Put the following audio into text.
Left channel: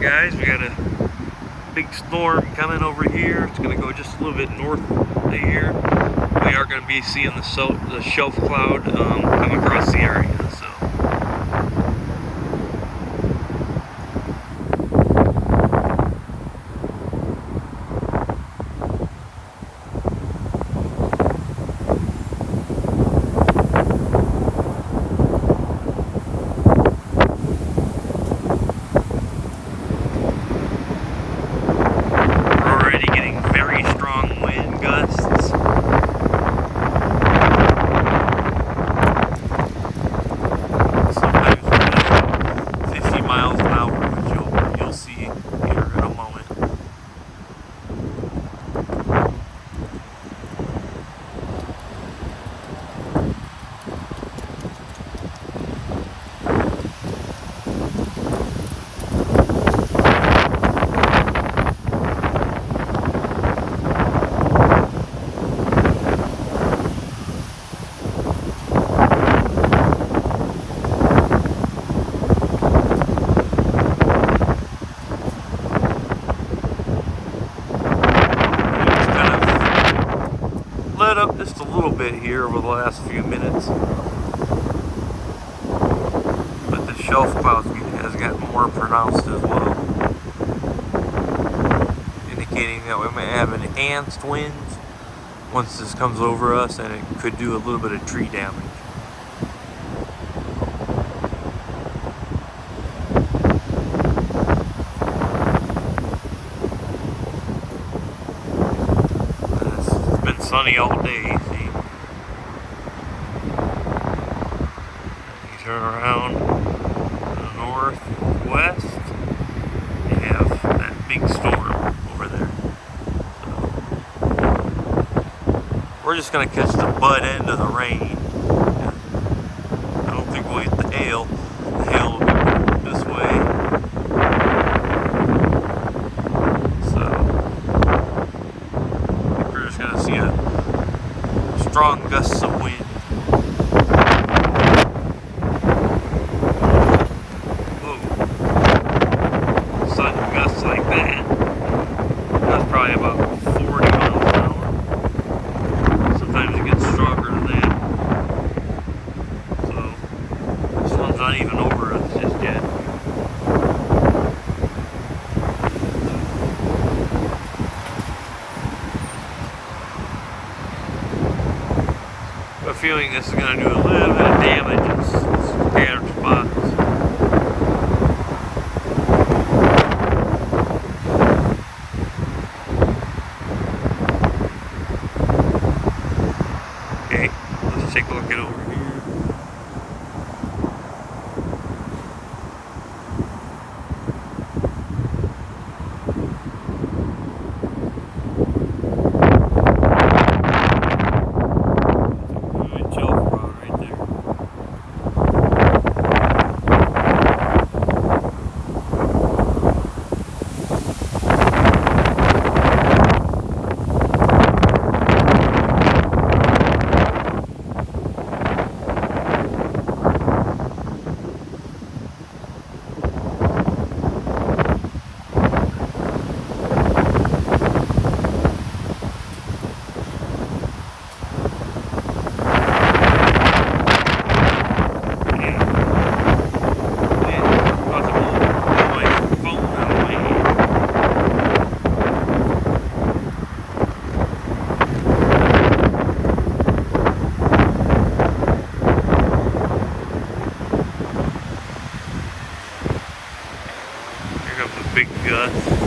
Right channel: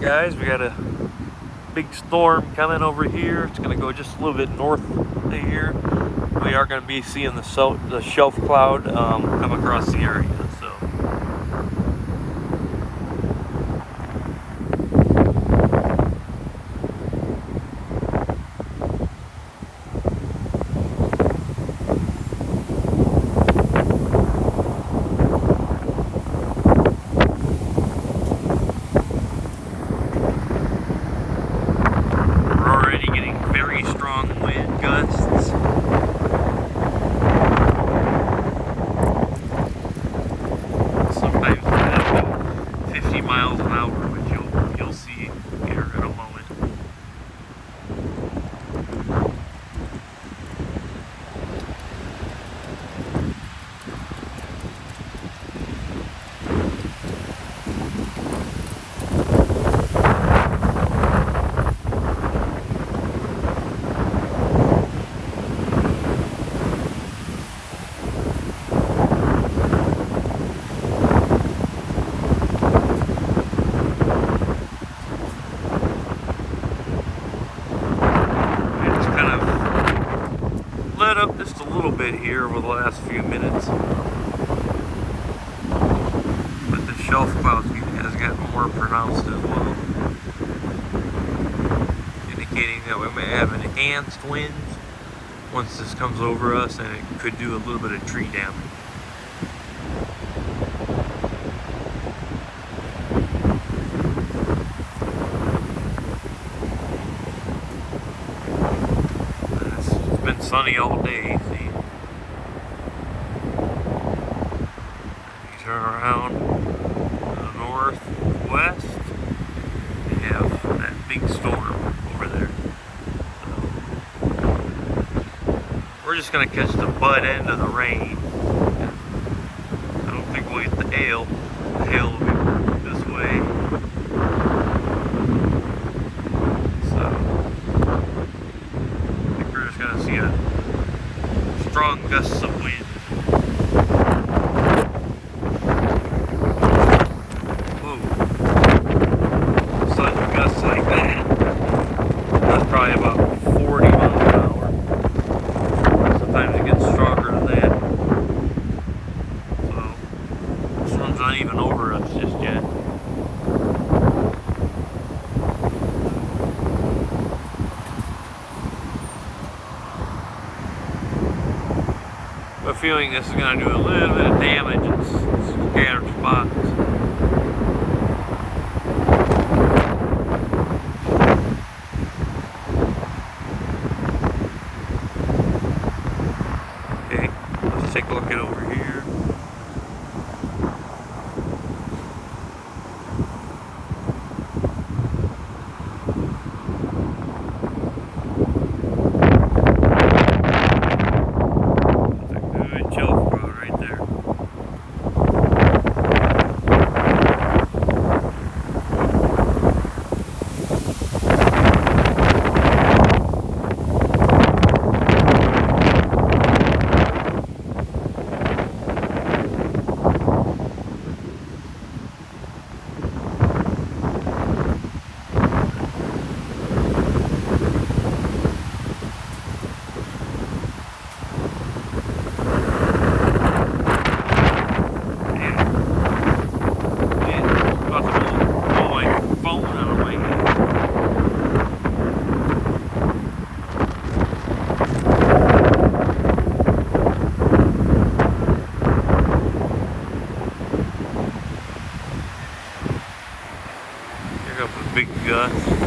Alright guys, we got a big storm coming over here. It's going to go just a little bit north of here. We are going to be seeing the shelf cloud come across the area. Miles an hour, which you'll see here in a moment. Let up just a little bit here over the last few minutes, but the shelf cloud has gotten more pronounced as well, indicating that we might have enhanced winds once this comes over us, and it could do a little bit of tree damage. Sunny all day, see? And you turn around to the northwest, you have that big storm over there. So we're just gonna catch the butt end of the rain. I don't think we'll get the hail. The hail will be this way. Gonna see a strong gusts of wind. Whoa. Sudden gusts like that. That's probably about 40 miles an hour. Sometimes it gets stronger than that. So, this one's not even over us just yet. A feeling this is going to do a little bit of damage in scattered spots. Okay, let's take a look at over here. Big gust.